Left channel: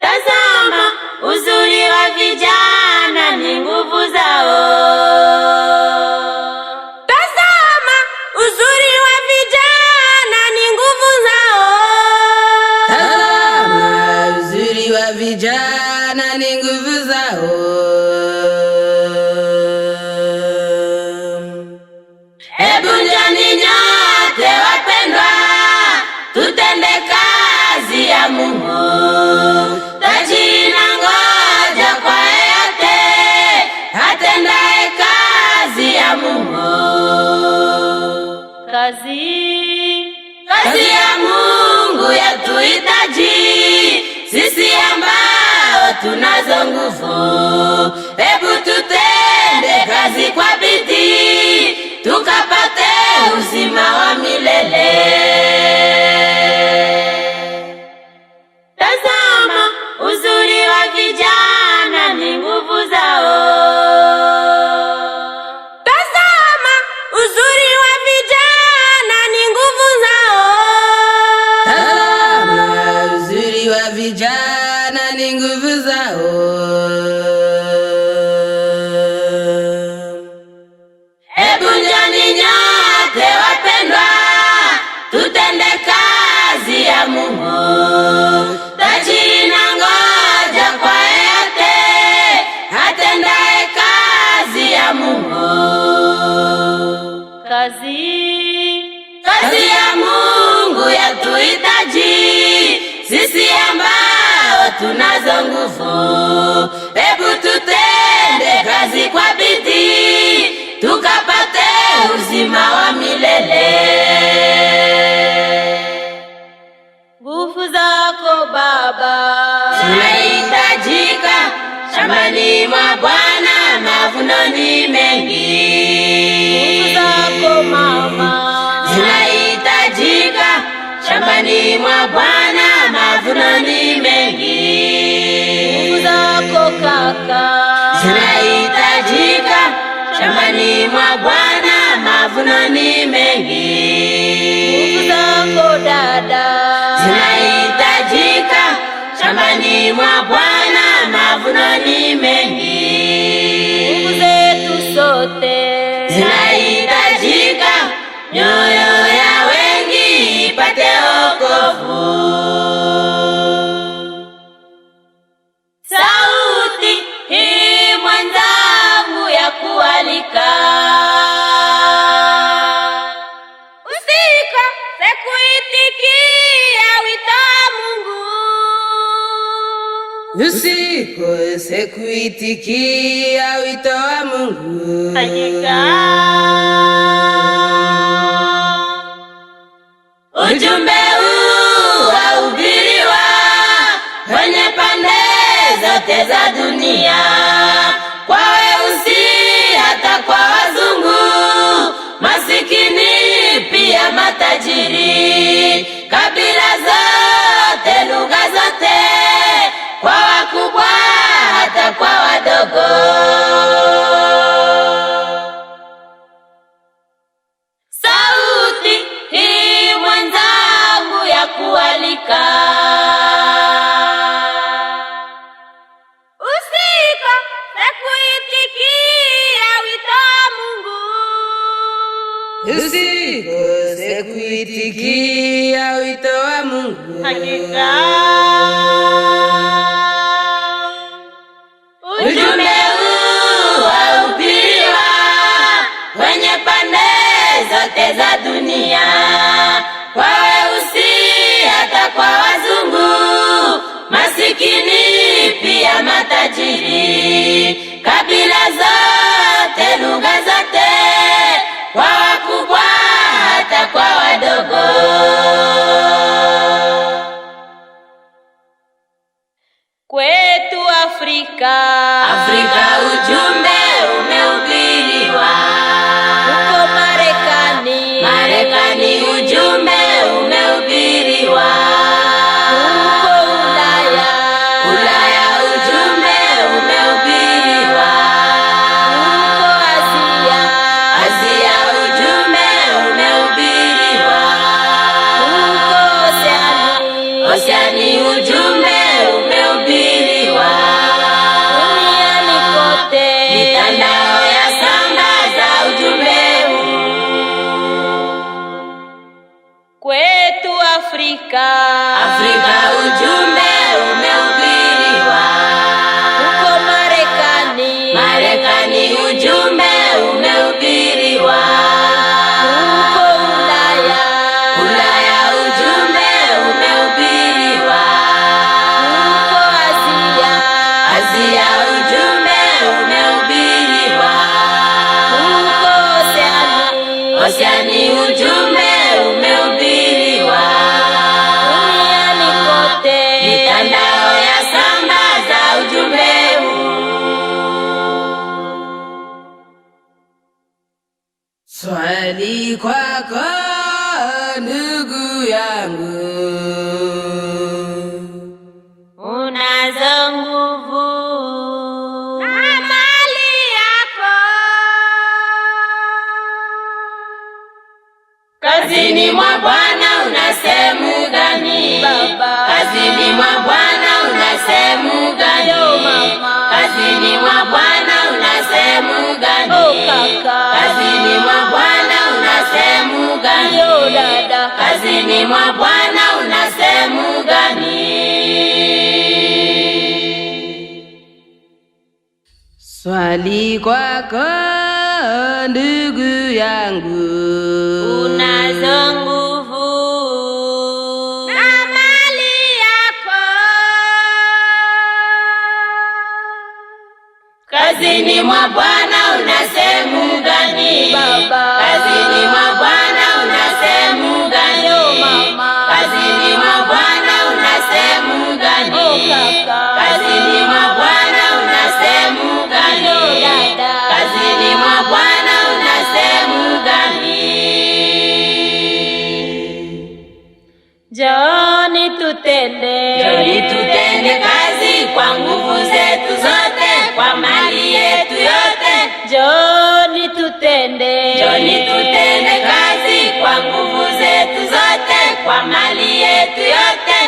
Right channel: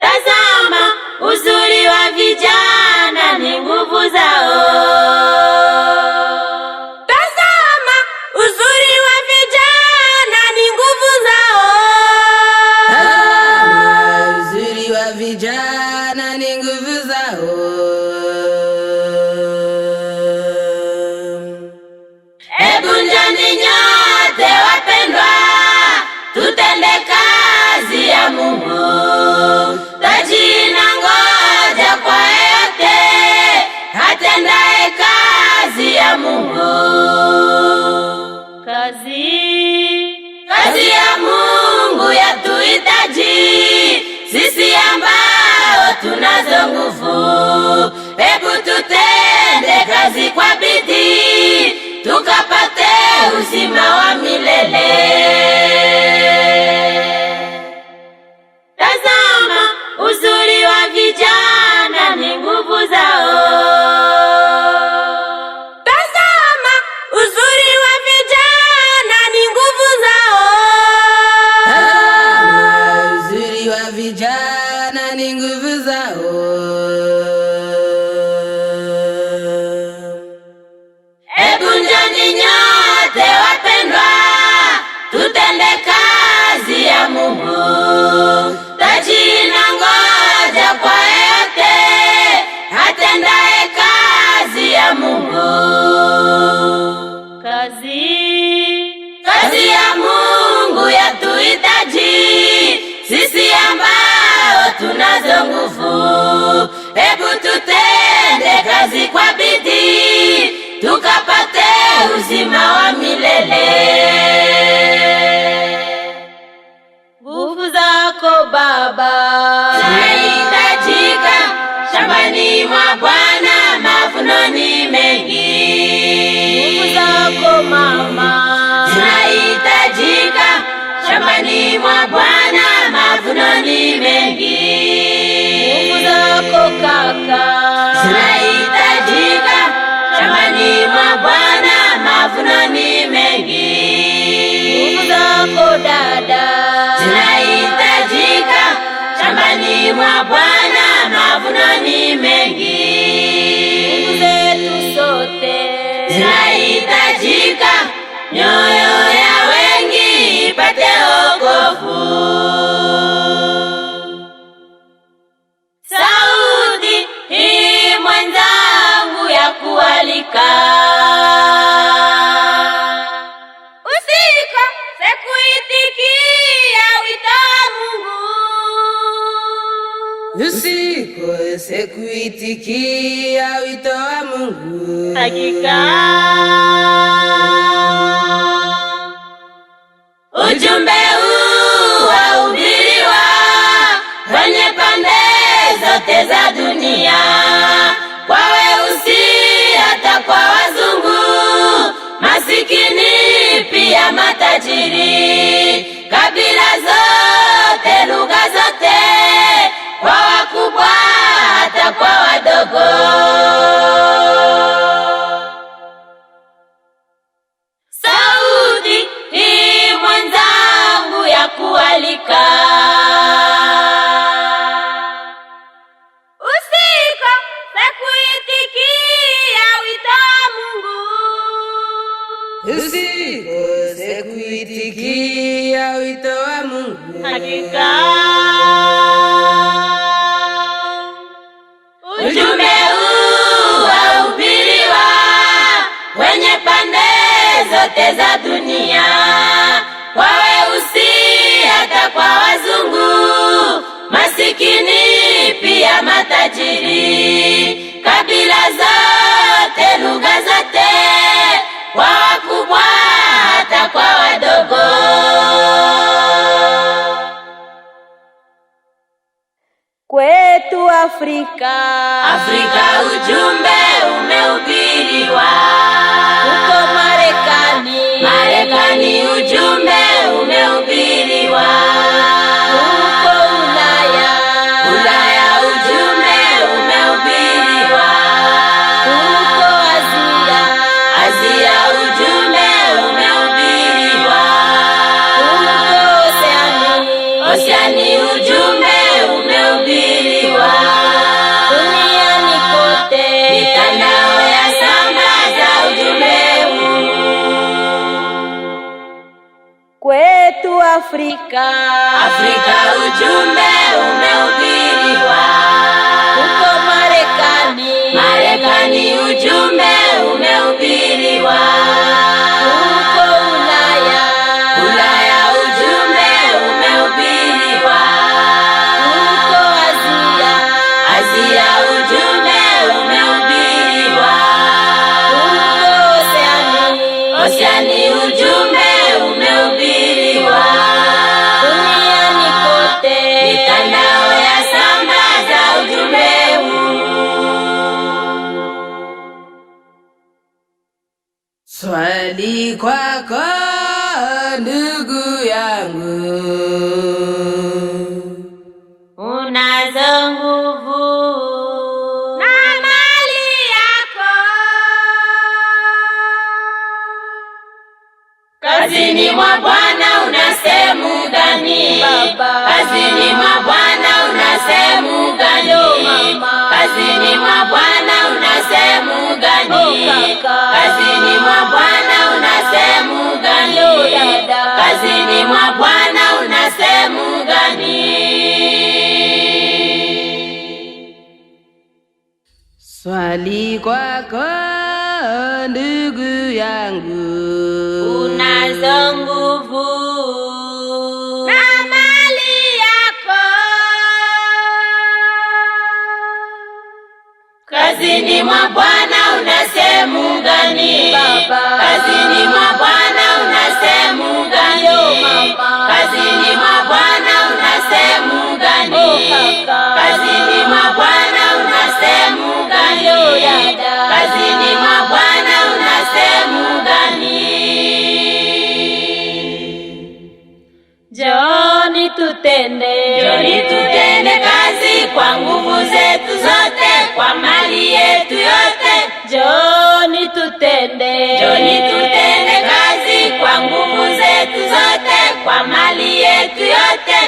Tazama uzuri wa vijana ni nguvu zao. Tazama uzuri wa vijana ni nguvu zao. Tazama uzuri wa vijana ni nguvu zao. Hebu njoni nyote wapendwa, tutende kazi ya Mungu. Tajiri na ngoja kwa yeyote atendaye kazi ya Mungu. Kazi ya Mungu yatuhitaji sisi ambao tunazo nguvu. Hebu tutende kazi kwa bidii, tukapate uzima wa milele. Tazama uzuri wa vijana ni nguvu zao. Tazama uzuri wa vijana ni nguvu zao. Tazama uzuri wa vijana ni nguvu zao. Hebu njoni nyote wapendwa, tutende kazi ya Mungu. Tajiri na ngoja kwa yeyote atendaye kazi ya Mungu. Kazi ya Mungu yatuhitaji sisi ambao tunazo nguvu. Hebu tutende kazi kwa bidii, tukapate uzima wa milele. Nguvu zako Baba zinahitajika shambani mwa Bwana, mavuno ni mengi. Nguvu zako Mama zinahitajika shambani mwa Bwana, mavuno ni mengi. Nguvu zako Kaka zinahitajika shambani mwa Bwana, mavuno ni mengi. Nguvu zako Dada zinahitajika shambani mwa Bwana, mavuno ni mengi. Nguvu zetu sote zinahitajika, nyoyo ya wengi ipate wokovu. Sauti hii mwenzangu ya kualika, usikose kuitikia wito wa Mungu. Usikose kuitikia wito wa Mungu. Hakika ujumbe huu wahubiriwa kwenye pande zote za dunia, kwa weusi hata kwa wazungu, masikini pia matajiri, kabila zote, lugha zote, kwa wakubwa hata kwa wadogo. Sauti hii mwenzangu ya kualika, usikose kuitikia wito wa Mungu. Usikose kuitikia wito wa Mungu. Hakika ujumbe huu wahubiriwa kwenye pande zote za dunia, kwa weusi hata kwa wazungu, masikini pia matajiri, kabila zote, lugha zote, kwa wakubwa hata kwa wadogo. Kwetu Afrika ujumbe umehubiriwa. Huko Marekani ujumbe umehubiriwa. Huko Ulaya ujumbe umehubiriwa. Huko Asia ujumbe umehubiriwa. Huko Oceani ujumbe umehubiriwa. Afrika. Afrika ujumbe umehubiriwa. Huko Marekani ujumbe umehubiriwa. Huko Ulaya ujumbe umehubiriwa. Huko Asia ujumbe umehubiriwa. Huko Oceani ujumbe umehubiriwa. Duniani kote Mitandao ya sambaza ujumbe huu. Swali kwako ndugu yangu, unazo nguvu na mali yako. kazini mwa Bwana una sehemu gani? Baba. Kazini mwa Bwana una sehemu gani? Yo, mama. Kazini mwa Bwana una sehemu gani? Oh, kaka. Kazini mwa Bwana una sehemu gani? Yo, dada. Kazini mwa Bwana una sehemu gani? Swali kwako ndugu yangu, Unazo nguvu na mali yako. kazini mwa Bwana una sehemu gani? Baba. Kazini mwa Bwana una sehemu gani? Yo, mama. Kazini mwa Bwana una sehemu gani? Oh, kaka. Kazini mwa Bwana una sehemu gani? Yo, dada. Kazini mwa Bwana una sehemu gani? Njooni tutende kazi kwa nguvu zetu zote, kwa mali yetu yote. Njooni tutende Tutende kazi kwa nguvu zetu zote, kwa mali yetu yote.